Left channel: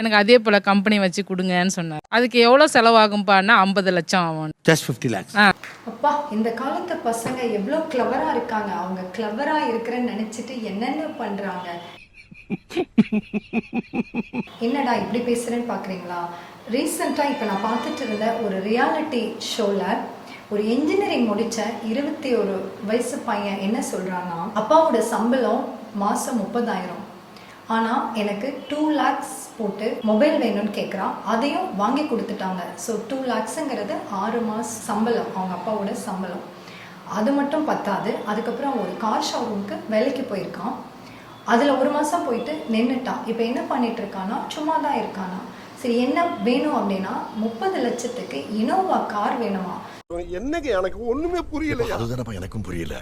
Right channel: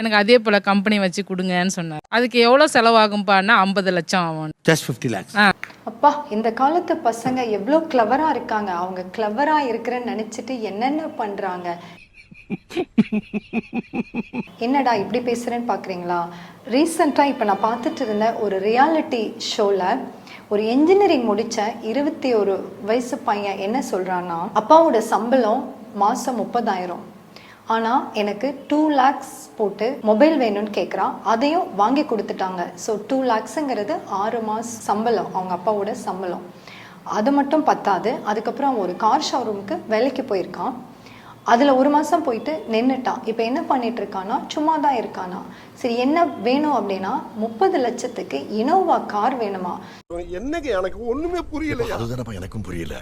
எனக்கு அதே போல கம்பெனி வச்சு குடுங்கன்னு சொன்னார். அதுக்கு எவ்வளோ செலவாகும்ப்பான்னா 50 லட்சம் ஆகும். Just 50 lakhs. அப்பா, இந்த காலத்து பசங்க எவ்வளோ கிளவரா இருக்காங்க. அவங்க கிளவரா இருக்கிறேன்னு நினைச்சிட்டு என்னென்ன பண்றாங்க. என்னடா இப்படி பேசுறேன்னு பாக்குறீங்களா? ரீசெண்டாக இப்போ நான் பார்த்துட்டு இருந்த ஒரு ரியாலிட்டி ஷோவில் ஒரு இன்ஜினியரிங் முடித்த 21 வயசு பையன் என்ன சொல்கிறான்னா, அப்பாவோட சம்பளம் மாதம் 30,000, ஆனால் எனக்கு 2 lakhs போட்டு மொபைல் வேணும்னு கேட்குறான். அதையும் வாங்கி கொடுத்துட்டாங்க. ஸோ 2 lakhsங்கிறது 6 மாதம் சம்பளம், அவங்க அப்பாவோட சம்பளம். அது மட்டும் பத்தாது, அதுக்கப்புறம் ஒரு கார் ஷோரூமுக்கு வேலைக்கு போயிருக்கான். அதில் 1 மாதம் போயிட்டு நின்றுட்டான். இப்போ என்ன பண்ணிட்டு இருக்கானா, சும்மா தான் இருக்கானா. சரி, என்ன வேணும் அப்படின்னா 30 லட்சத்துக்கு இனோவா கார் வேணுமா. என்னங்க எனக்கு ஒண்ணுமே புரியல. அதுதானப்பா எனக்கும் புரியல.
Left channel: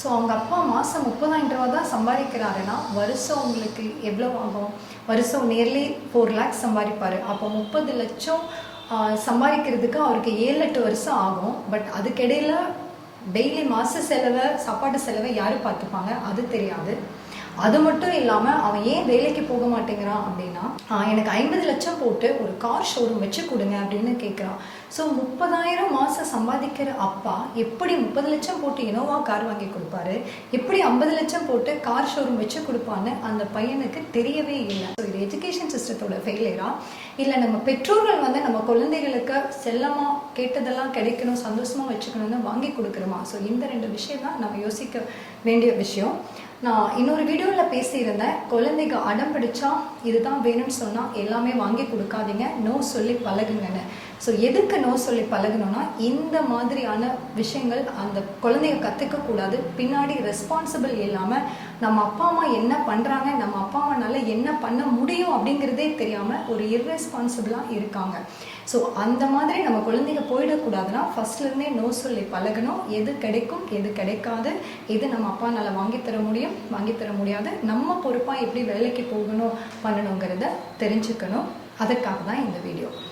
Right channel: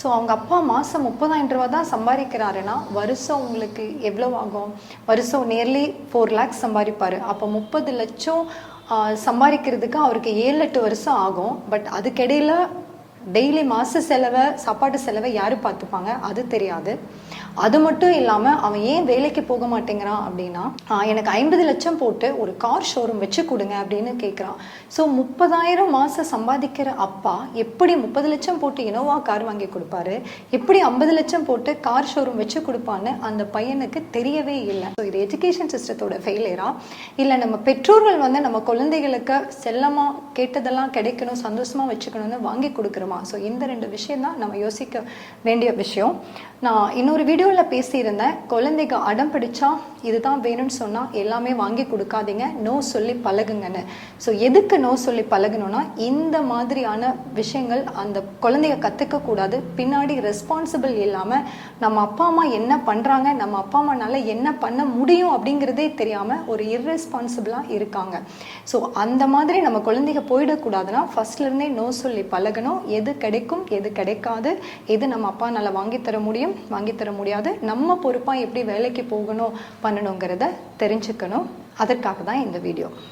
ஸோ அவங்க அப்பா மாதம் 30,000 ரூபா தான் சம்பாதிக்கிறாருன்னா வருஷம் உங்களுக்கு எவ்வளோ ஆகும்? வருஷம் நியர்லி 4 lakhs சம்பாதிப்பார். அப்போ 30 லட்சம் சம்பாதிக்கிறதுக்கு அவருக்கு 7-8 வருஷம் ஆகும். பட் அதுக்கிடையில் டெய்லி மாத செலவை, சாப்பாட்டு செலவை யார் பார்த்துப்பாங்க அது தெரியாது. அது மட்டும் இல்லாமல் அவன் ஏன் வேலைக்கு போக மாட்டேங்கிறான் அப்படின்னா, எனக்கு 50 லட்சம் போட்டு ஒரு கார் ஷோரூம் வச்சு கொடுங்க அப்படின்னு கேட்குறான். ஸோ 30,000 மாதம் சம்பாதிக்கிற அப்பா எப்படி 30 லட்சம் போட்டு இனோவா கார் வாங்கி கொடுப்பாரு, எப்படி 50 லட்சம் போட்டு கார் ஷோரூம் வச்சு கொடுப்பான்னு அந்த பையனுக்கு தெரியவே இல்லை. ஸோ இது எஜுகேஷன் சிஸ்டத்தோட ஃபெயிலியரா, இல்லை நம்ம பெற்றோர்கள் நம்ம குழந்தைகளுக்கு செல்லமாக கேட்டதெல்லாம் கிடைக்கணும், சந்தோஷமாக வச்சுக்கணும்னு வாங்கி கொடுக்குறோமா? ஸோ இந்த 2 விஷயம் தான் நம்ம யோசிக்க வேண்டிய விஷயம். நான் இன்னொரு வீடியோவில் பேசியிருந்தேன், குழந்தைங்க அடம் பிடிச்சா இதுதான் வேணும்னு சொன்னால் எல்லாமே வாங்கி கொடுக்காதீங்க, நோ சொல்லி பழகுங்கன்னு. ஸோ எதுக்கு நோ சொல்லி பழகணும்னா, இந்த மாதிரியான விஷயங்கள் அந்த குழந்தைங்க கற்றுக்கக்கூடாது. பின்னாடி ரெஸ்பான்சிபிள் இல்லாமல் நம்ம அப்பா அம்மா என்ன பண்ணுறாங்க, நம்ம அப்பா அம்மானால என்ன பண்ண முடியும் அப்படிங்கிறதே தெரியாமல் ஒரு இர்ரெஸ்பான்சிபிளாக இருக்காங்க. ஸோ அந்த மாதிரி நம்ம குழந்தைங்க போயிடக்கூடாதுன்னா ஃபர்ஸ்ட்லேருந்தே நோ சொல்லி பழகணும். எது கிடைக்கும், எது கிடைக்காது, எது நம்ம அப்பானால வாங்கித்தர முடியும், வாங்கித்தர முடியாது, நம்ம பொறுப்பாக எப்படி வேலைக்கு போகணும் பண்ணணுங்கிறத தெரிஞ்சுக்கணும். அதற்காக தான் இந்த வீடியோ.